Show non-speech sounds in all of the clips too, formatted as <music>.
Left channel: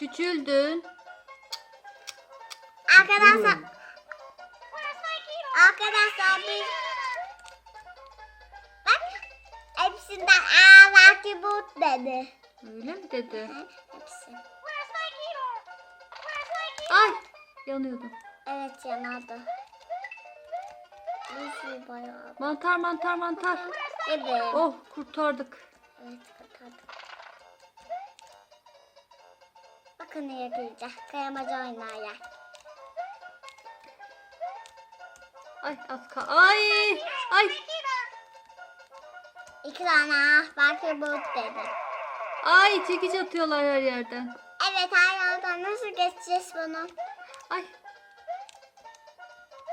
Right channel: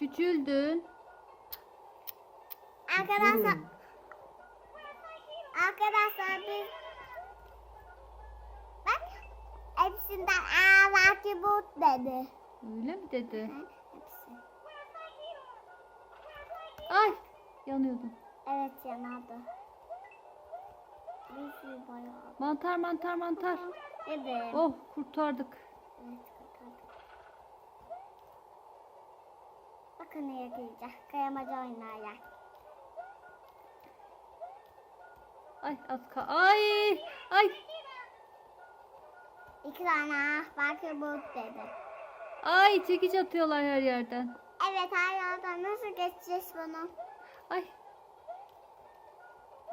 Küçüldün. Arkadaşlar arkadaşlar biz bak hepsinden aa belki bu dedi. Öyle mi dedi? Hı, Hepsi. Ay yanıyordum. Evet bayağı. Mantar mantar mantar. Evet. Oh kurtardık. Evet Bakın neye gireceğiz. Kayamaca oynayacak. Ay az kal. Ay ay İki tane ah belki bu dedi. ay çekiç atıyorlar her yerden. Evet her yerden nasıl geçeceğiz bunu? Ay.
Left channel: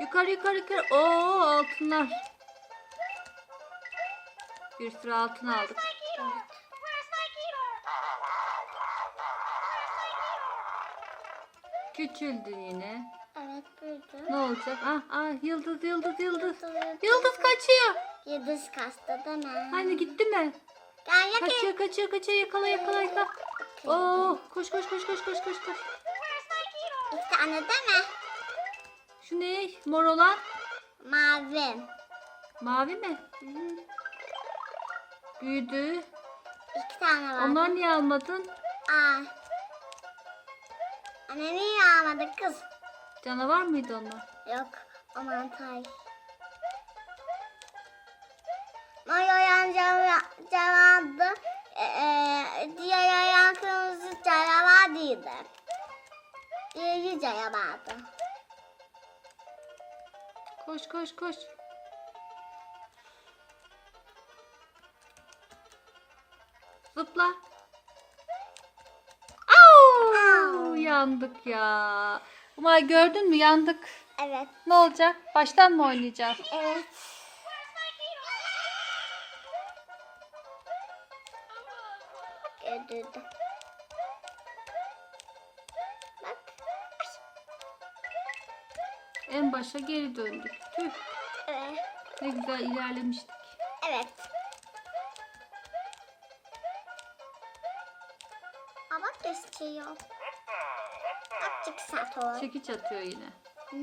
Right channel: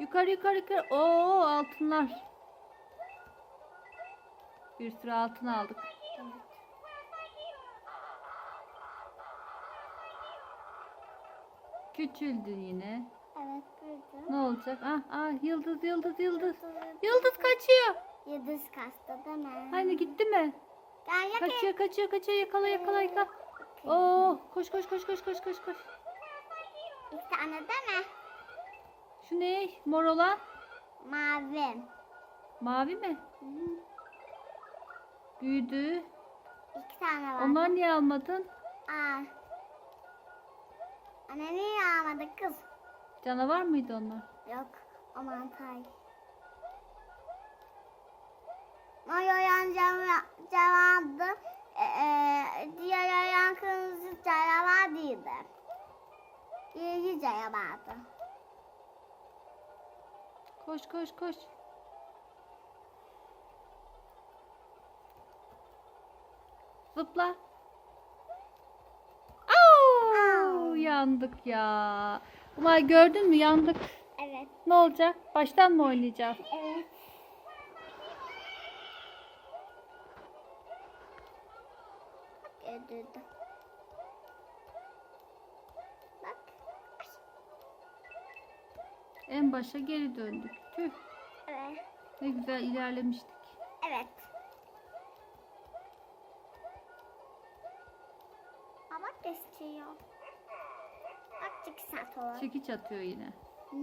Yukarı yukarı yukarı. Oo altınlar. Bir sürü altın aldık. Evet. Küçüldün yine. Evet büyüdü. Ne olacak? Ah ah yıldız yıldız yıldız. Yıldız. Kaçıyor. Yıldız kastı değil mi? Hani gitti mi? Gel yakın. Kaçıyor kaçıyor kaçıyor yakala yakala yakala. Oh koş koş koş koş koş koş koş. İki tane değil mi? Şu ne? Mor olan? Mavi. Mavi mi? Büyüdü. İki tane var. Onlar niye almadın? Aa. Anne niye almadı kız? Canavar mıydı onlar? Yok. O mantar. Mayoyan cevabı ee, diğer yayan kırmızı canavar değildi. Diğeri canavardı. Koş koş koş. Zıpla. Yandık ya. Umay gördün mü yandık. Evet. Ne olacak? Baştan mı oynayacağız? <laughs> Evet. Öldürdüm. Bak. En başa geri döndük. Tüh, Evet. ne güzel ilerlemiştik. Evet. Bak gösteriyor. Olur. Çekiç atıyor yine. Hı.